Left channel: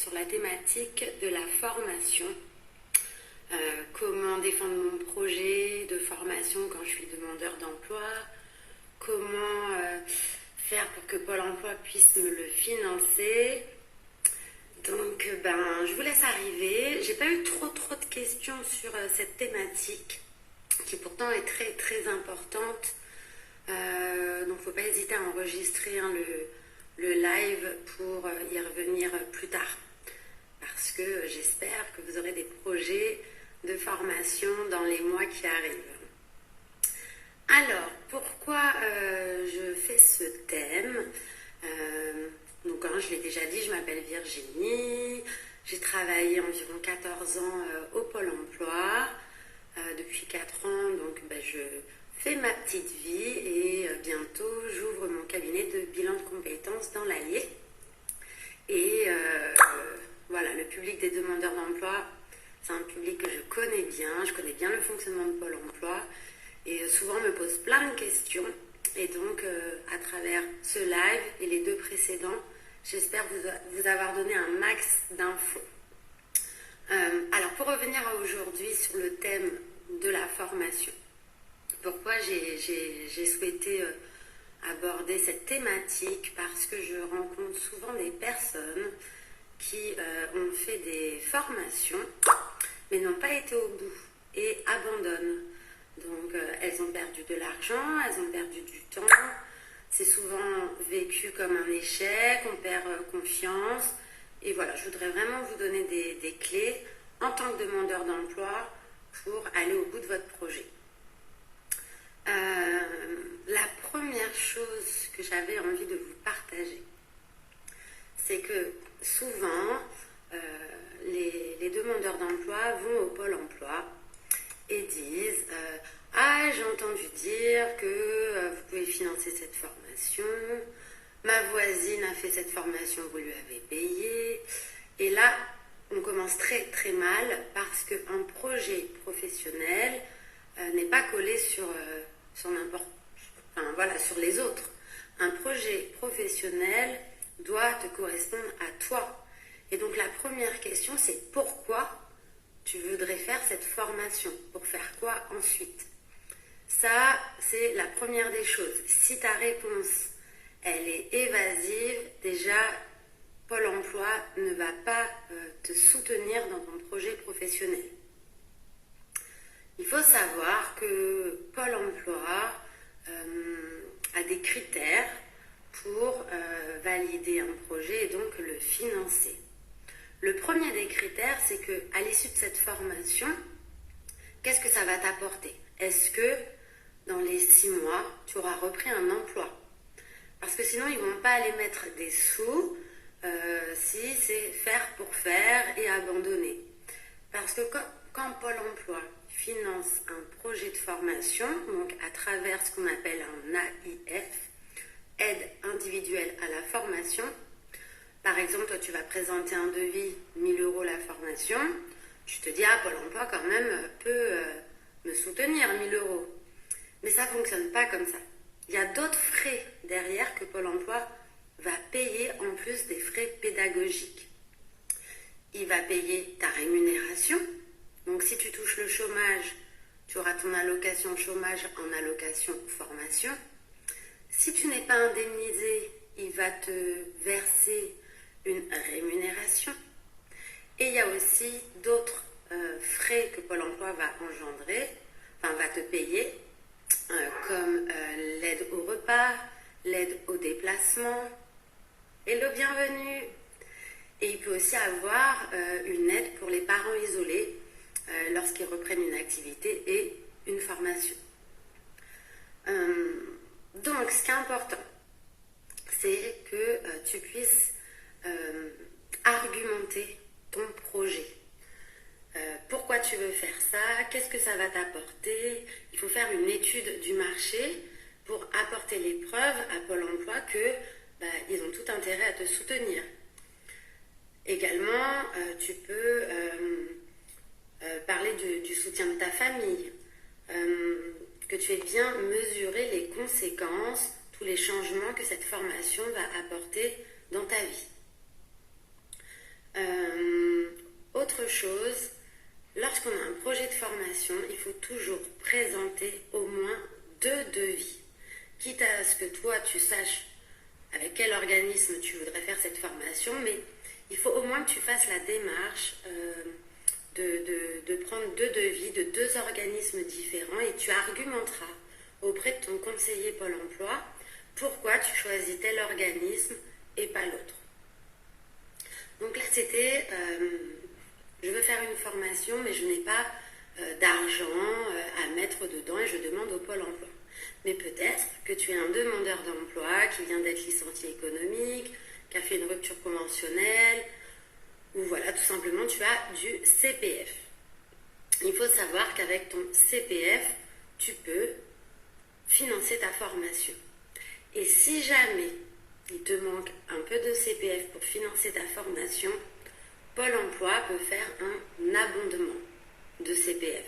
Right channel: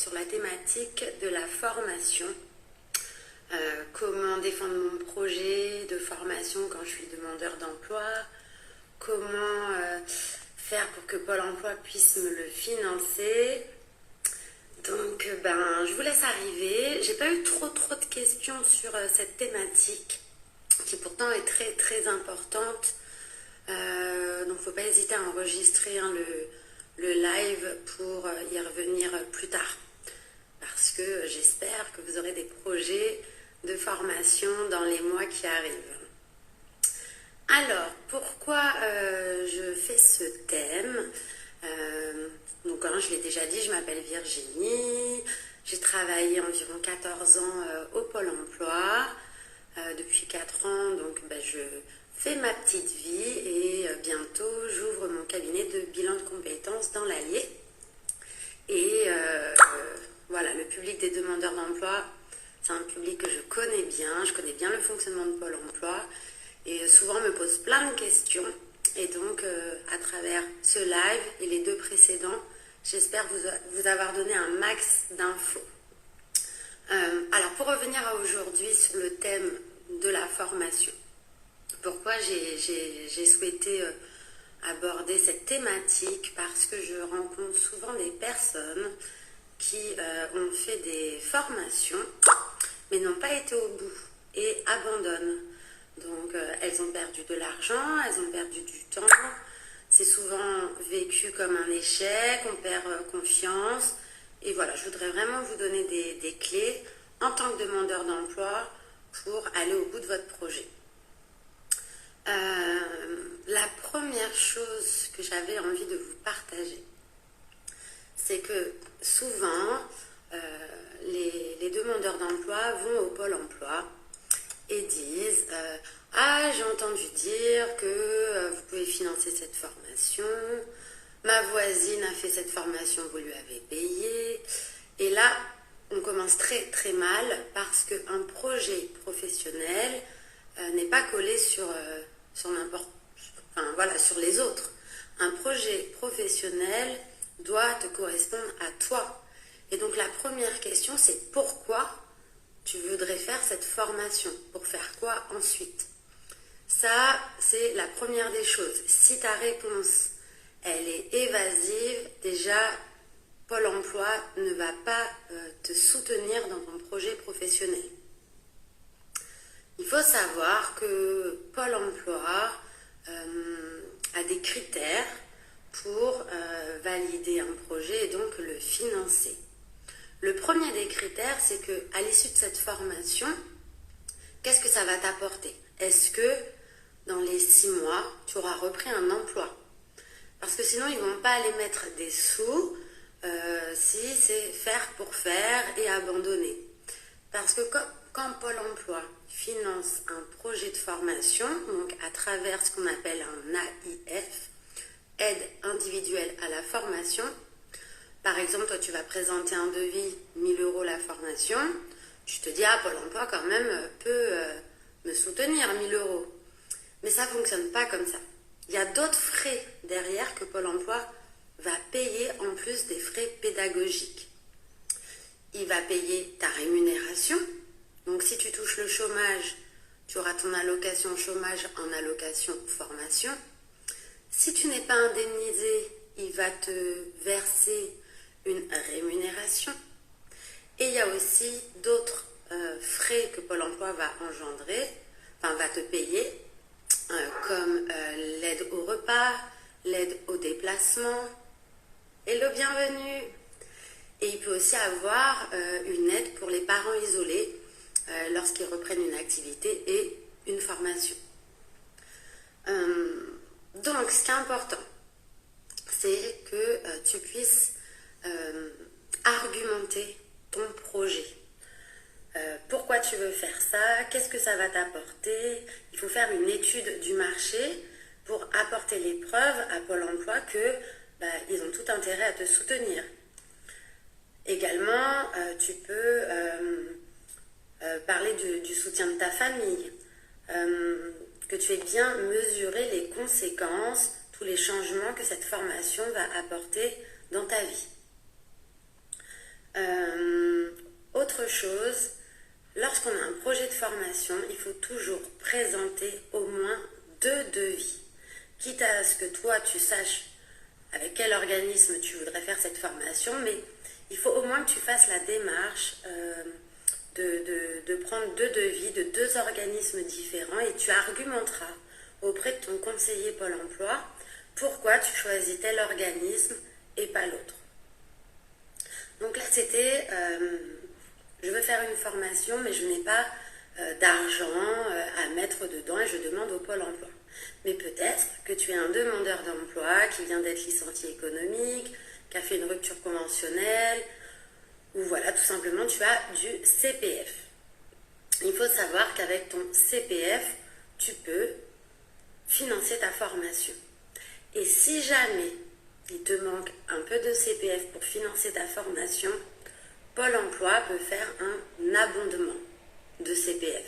sur la thématique de la formation. Comment défendre mon projet de formation quand je suis demandeur d'emploi, comment faire pour que Pôle emploi puisse me le financer. Donc je vous laisse arriver. J'ai pas eu trop de questions sur cette thématique qui pourtant est très très importante. Donc faut pas hésiter à enregistrer le live pour y revenir plus tard. Parce que j'espère que vous aurez des projets de formation dans les mois qui arrivent. Alors, pourquoi je fais ce thème? Donc, je l'ai déjà dit, je m'appelle Virginie. J'ai travaillé environ 14 ans au Pôle emploi. Depuis 4 ans, donc je fais ma petite vie et bientôt j'ouvre mon cabinet de bilan de compétences dans l'Allier. Et voilà, le public des demandeurs d'emploi, c'est un public que je connais bien le fonctionnement de Pôle emploi et souvent me pose plein de questions. Et donc, à travers ce live et les 2 précédents, j'espère vous avoir donné un max d'infos. Alors, pour revenir à aujourd'hui sur le thème de la formation, pourquoi j'ai souhaité aborder cette thématique? Parce que je rencontre souvent des personnes qui ont fait des formations mais n'ont pas été au bout et abandonnent. Donc elles ont perdu de l'argent, elles ont perdu du temps, c'est souvent vécu comme un échec, on perd confiance. Et voilà, je voudrais vraiment vous donner des clés en tant que demandeur d'emploi pour aller au bout de votre projet. La première chose que j'avais envie de vous partager, c'est que souvent, les demandeurs d'emploi vont au Pôle emploi et disent « Ah, j'ai entendu dire que vous pouvez financer cette formation, ma voisine a fait cette formation, vous lui avez payé. » Et là, on commence très très mal parce qu'un projet professionnel n'est pas collé sur les autres. Un projet professionnel doit te correspondre à toi. Et donc la première question, c'est pourquoi tu voudrais faire cette formation? Pour faire quoi ensuite? Ça, c'est la première des choses. Si ta réponse, elle est évasive, déjà, Pôle emploi ne va pas te soutenir dans ton projet professionnel. Il faut savoir que Pôle emploi a des critères pour valider un projet et donc le financer. Le premier des critères, c'est qu'à l'issue de cette formation, qu'est-ce que ça va t'apporter? Est-ce que dans les 6 mois, tu auras repris un emploi? Parce que sinon, ils ne vont pas aller mettre des sous si c'est faire pour faire et abandonner. Parce que quand Pôle emploi finance un projet de formation, donc à travers ce qu'on appelle un AIF, aide individuelle à la formation. Par exemple, toi, tu vas présenter un devis, 1 000 € la formation. Tu te dis, Pôle emploi, quand même, peut me soutenir, 1 000 €. Mais ça ne fonctionne pas comme ça. Il y a d'autres frais derrière que Pôle emploi va payer en plus des frais pédagogiques. Il va payer ta rémunération. Donc, si tu touches le chômage, tu auras ton allocation chômage en allocation formation. Si tu n'es pas indemnisé, il va te verser une rémunération. Et il y a aussi d'autres frais que Pôle emploi va va te payer, comme l'aide au repas, l'aide au déplacement. Hello, bienvenue. Et il peut aussi avoir une aide pour les parents isolés lorsqu'ils reprennent une activité et une formation. Donc, ce qui est important, c'est que tu puisses argumenter ton projet. Pourquoi tu veux faire ça? Qu'est-ce que ça va t'apporter? Il faut faire une étude du marché pour apporter les preuves à Pôle emploi que ils ont tout intérêt à te soutenir. Également, tu peux parler du soutien de ta famille, que tu aies bien mesuré les conséquences, tous les changements que cette formation va apporter dans ta vie. Autre chose, lorsqu'on a un projet de formation, il faut toujours présenter au moins 2 devis. Quitte à ce que toi, tu saches avec quel organisme tu voudrais faire cette formation, mais il faut au moins que tu fasses la démarche de prendre 2 devis de 2 organismes différents et tu argumenteras auprès de ton conseiller Pôle emploi pourquoi tu choisis tel organisme et pas l'autre. Donc là, c'était, je veux faire une formation, mais je n'ai pas d'argent à mettre dedans et je demande au Pôle emploi. Mais peut-être que tu es un demandeur d'emploi qui vient d'être licencié économique, qui a fait une rupture conventionnelle, ou voilà, tout simplement, tu as du CPF. Il faut savoir qu'avec ton CPF, tu peux financer ta formation. Et si jamais il te manque un peu de CPF pour financer ta formation, Pôle emploi peut faire un abondement de CPF.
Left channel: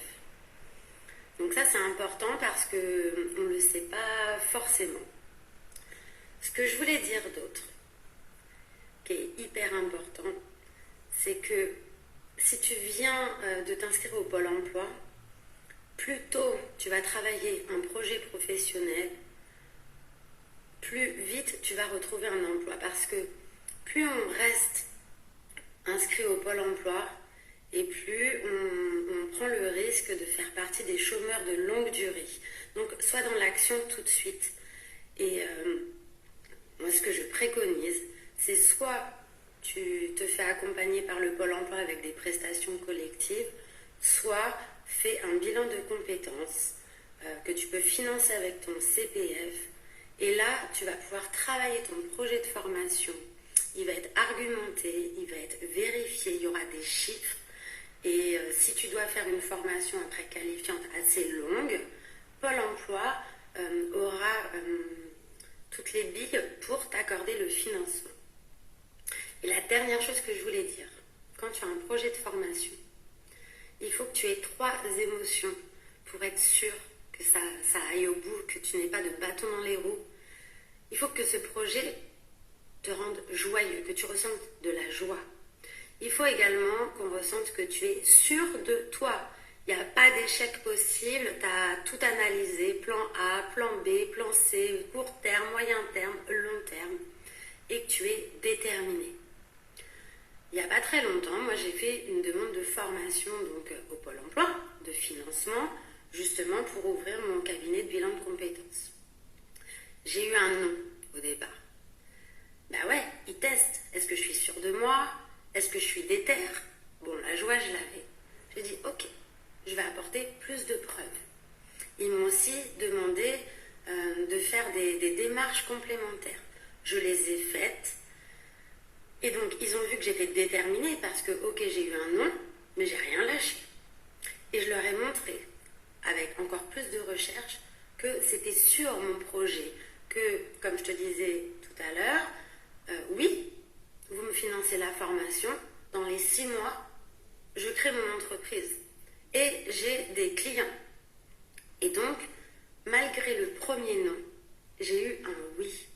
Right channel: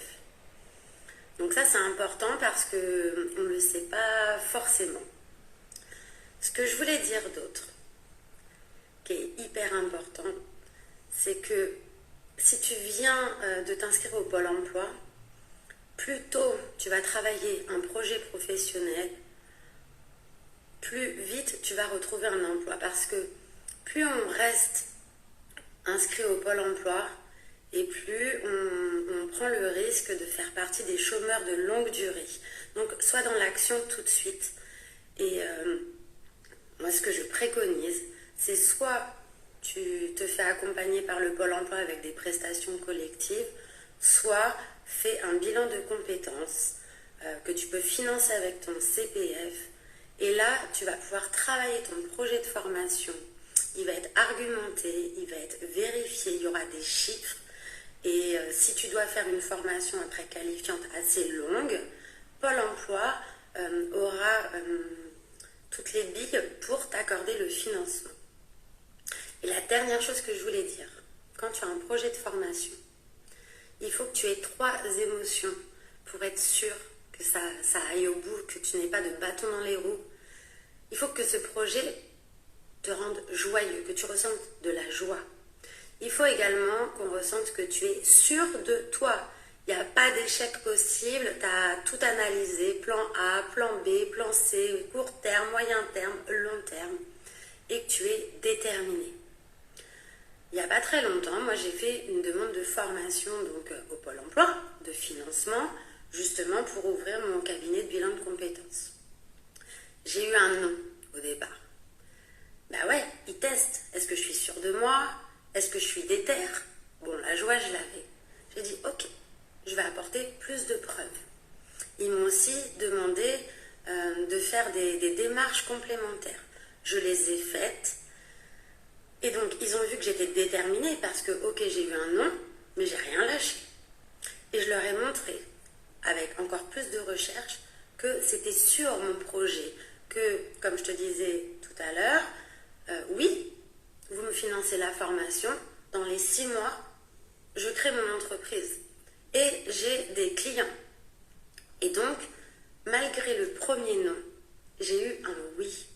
Donc ça, c'est important parce qu'on ne le sait pas forcément. Ce que je voulais dire d'autre, qui est hyper important, c'est que si tu viens de t'inscrire au Pôle emploi, plus tôt tu vas travailler un projet professionnel, plus vite tu vas retrouver un emploi. Parce que plus on reste inscrit au Pôle emploi, et plus on prend le risque de faire partie des chômeurs de longue durée. Donc, sois dans l'action tout de suite. Et moi, ce que je préconise, c'est soit tu te fais accompagner par le Pôle emploi avec des prestations collectives, soit fais un bilan de compétences que tu peux financer avec ton CPF. Et là, tu vas pouvoir travailler ton projet de formation. Il va être argumenté, il va être vérifié, il y aura des chiffres. Et si tu dois faire une formation après qualifiante assez longue, Pôle emploi aura toutes les billes pour t'accorder le financement. Et la dernière chose que je voulais dire, quand tu as un projet de formation, il faut que tu aies 3 émotions pour être sûr que ça aille au bout, que tu n'aies pas de bâton dans les roues. Il faut que ce projet te rende joyeux, que tu ressentes de la joie. Il faut également qu'on ressente que tu es sûr de toi. Il n'y a pas d'échec possible, tu as tout analysé, plan A, plan B, plan C, court terme, moyen terme, long terme, et que tu es déterminé. Il n'y a pas très longtemps, moi j'ai fait une demande de formation donc, au Pôle emploi, de financement, justement pour ouvrir mon cabinet de bilan de compétences. J'ai eu un non au départ. Bah ouais, ils testent. Est-ce que je suis sûre de moi? Est-ce que je suis déter? Bon, la joie, je l'avais. J'ai dit, ok, je vais apporter plus de preuves. Ils m'ont aussi demandé de faire des démarches complémentaires. Je les ai faites. Et donc, ils ont vu que j'étais déterminée parce que, ok, j'ai eu un non, mais j'ai rien lâché. Et je leur ai montré, avec encore plus de recherche, que c'était sur mon projet, que, comme je te disais tout à l'heure, oui, vous me financez la formation, dans les 6 mois, je crée mon entreprise et j'ai des clients. Et donc, malgré le premier non, j'ai eu un oui.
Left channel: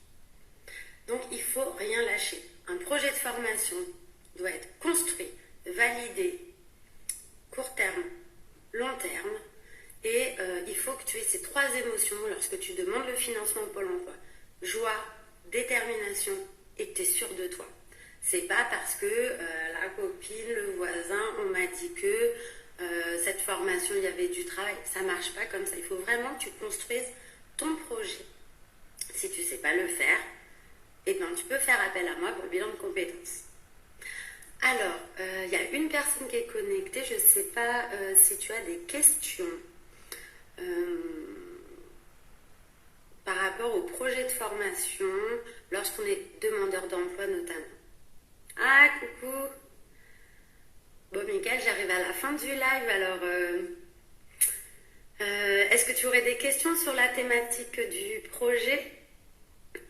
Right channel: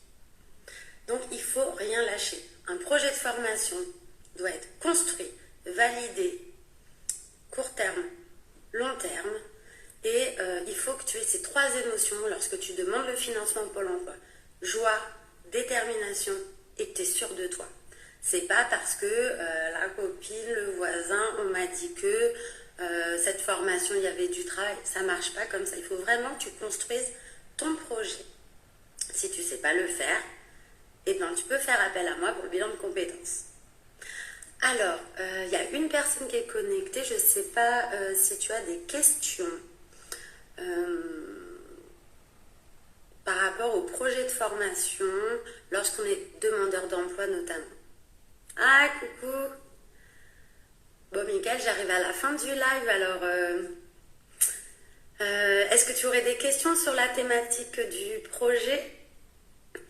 Donc, il ne faut rien lâcher. Un projet de formation doit être construit, validé, court terme, long terme, et il faut que tu aies ces 3 émotions lorsque tu demandes le financement au Pôle emploi. Joie, détermination et que tu es sûr de toi. C'est pas parce que la copine, le voisin, on m'a dit que cette formation, il y avait du travail. Ça marche pas comme ça. Il faut vraiment que tu construises ton projet. Si tu sais pas le faire, eh ben, tu peux faire appel à moi pour le bilan de compétences. Alors, il y a une personne qui est connectée. Je sais pas si tu as des questions par rapport au projet de formation lorsqu'on est demandeur d'emploi notamment. Ah, coucou. Bon, Mickaël, j'arrive à la fin du live, alors est-ce que tu aurais des questions sur la thématique du projet?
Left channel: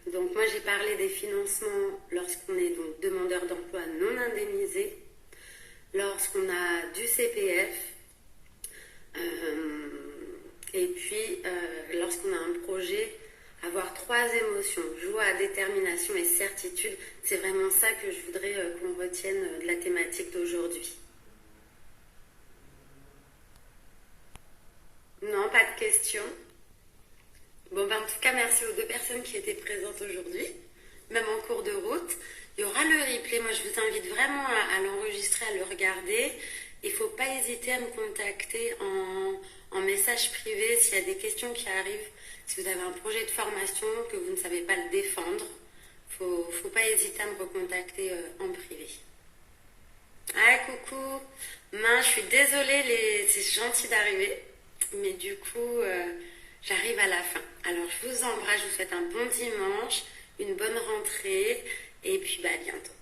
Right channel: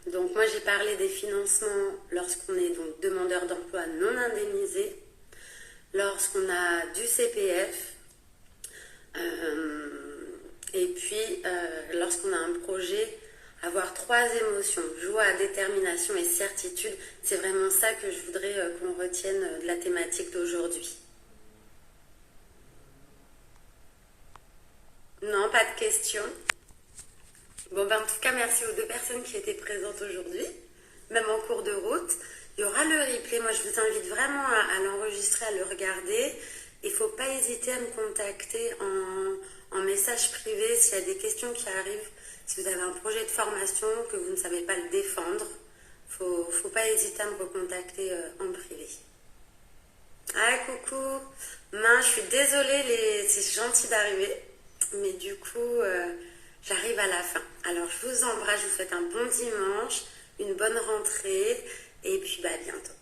Donc moi, j'ai parlé des financements lorsqu'on est donc demandeur d'emploi non indemnisé, lorsqu'on a du CPF, et puis lorsqu'on a un projet avoir 3 émotions, joie, détermination et certitude. C'est vraiment ça que je voudrais qu'on retienne de la thématique d'aujourd'hui. Non, pas de questions. Bon, ben, en tout cas, merci aux 2 personnes qui étaient présentes aujourd'hui, même en cours de route. Il y aura le replay. Moi, je vous invite vraiment à l'enregistrer, à le regarder. Il ne faut pas hésiter à me contacter en message privé s'il y a des questions qui arrivent. Si vous avez un projet de formation, que vous ne savez pas le défendre, il ne faut pas hésiter à me recontacter en privé. Ah, coucou. Je suis désolée, c'est gentil d'arriver. Mais du coup, j'arrive à la fin. Alors, je vous embrasse, je vous souhaite un bon dimanche, une bonne rentrée, et puis à bientôt.